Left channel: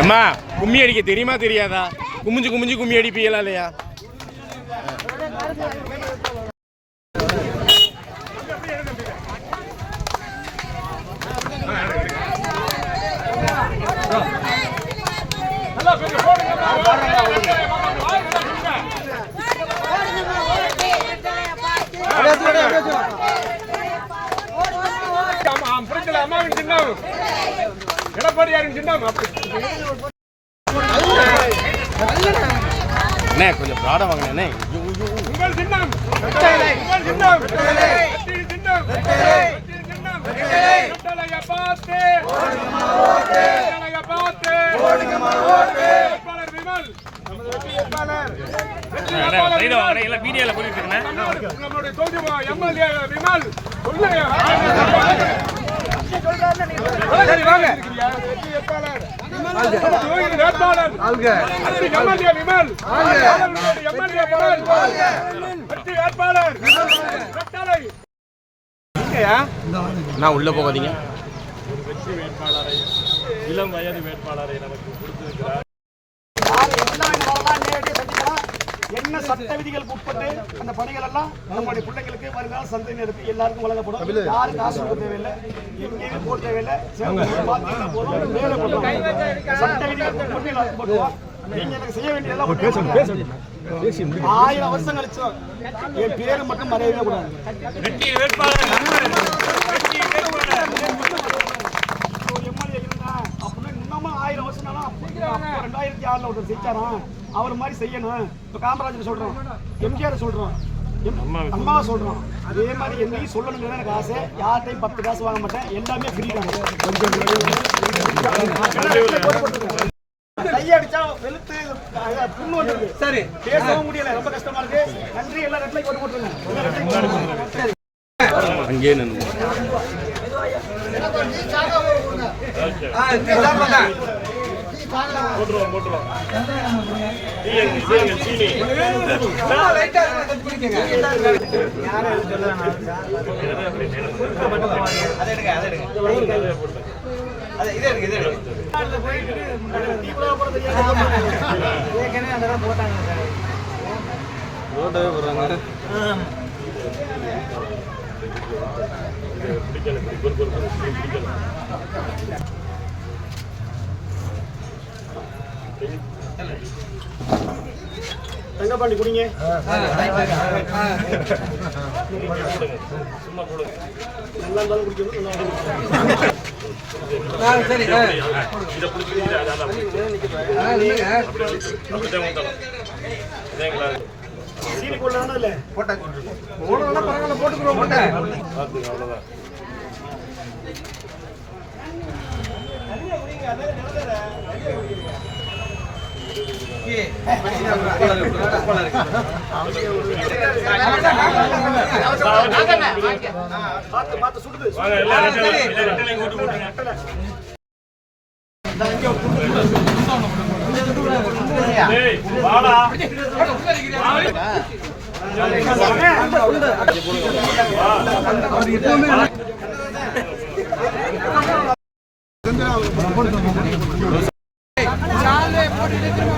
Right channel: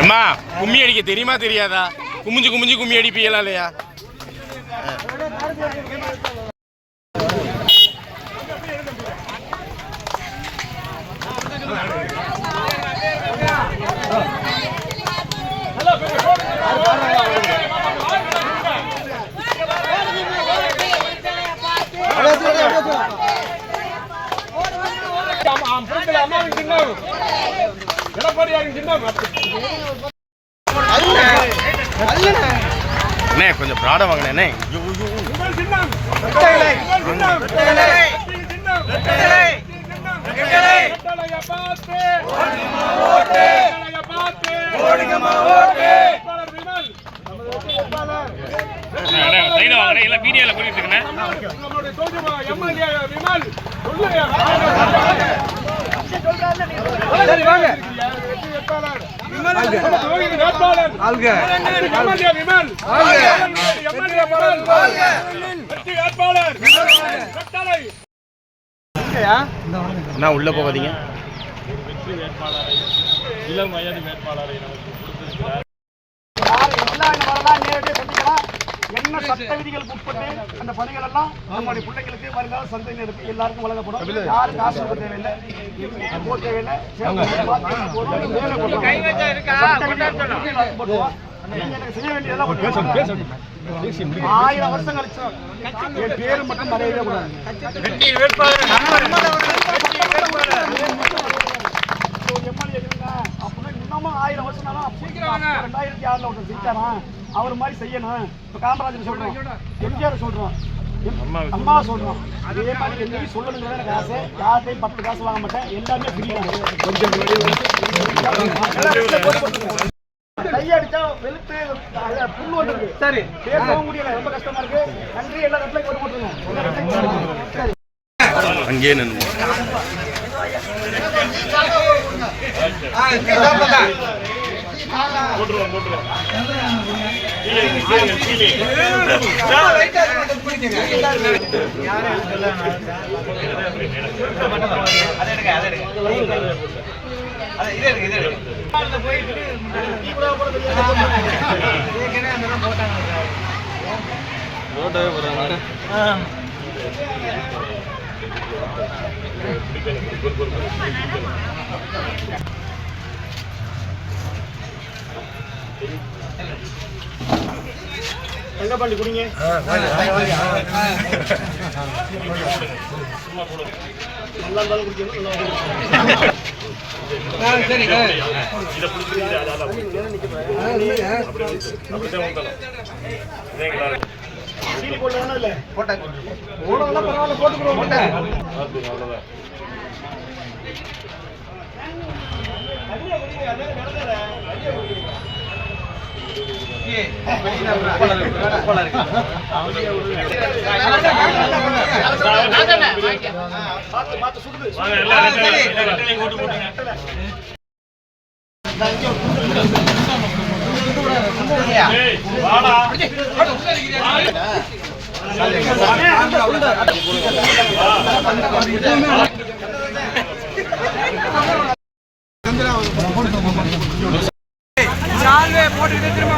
அம்மா கும்மி அடிக்க தெரியுமா தெரியாதா? குமிஞ்சு குமிஞ்சு கும்மி அடிப்பீங்களா இல்லையா? அண்ணே கொஞ்சம் ப்ராடா வாங்கினே. உள்ள போகாதீங்க. வெற்றி வேட்பாளரை, இளம் வயது வேட்பாளரை நமக்கு கொடுத்திருக்கிறார். என்ன சட்ட விதிகளுக்கு உட்பட்டு அந்த பணிகள் எல்லாம் நம்முடைய பிள்ளைகளுக்கு வருங்கால சந்ததியினருக்கு எல்லாருக்கும் வழங்கப்படும். யாரும் காசு கொடுக்க தேவையில்லை, போட தேவையில்லை. நீங்க எனக்கு செய்ய வேண்டிய 1000 வருஷம் கழிச்சு என் பேரு மட்டும் மறையவே கூடாது. இன்னமும் 1000 வருஷம் 2006 ஒருத்தர் ஜெயிச்சாராம், அவர் மாதிரி செய்யணும். இப்ப காமராஜர் சொல்றோம், எம்ஜிஆர் சொல்றோம், அம்மா சொல்றோம். அதே மாதிரி என்ன சொல்லணுங்கிற எனக்கு ஆசை. யார்ட்டையும் 10 காசு வாங்க மாட்டேன், எல்லாமே ஃப்ரீ தான். கையடிச்சா வெளுத்து புண்ணு வந்துருக்கு. சரி, பேசவும் முடியல, ரொம்ப கஷ்டமா இருக்கு. நன்றி. எல்லா இடத்துலயும் போட்டு போட்டுருங்க. அங்கே நின்று தங்கப்பாண்டி குடிங்க. நல்லா இருந்தாலும் குடிக்கணும். சீனி போட வேணும். இல்ல போட்டேன், பரவாயில்ல, போட்டுக்கிறோம். அவ்வளவுதான். போட்டு திரும்ப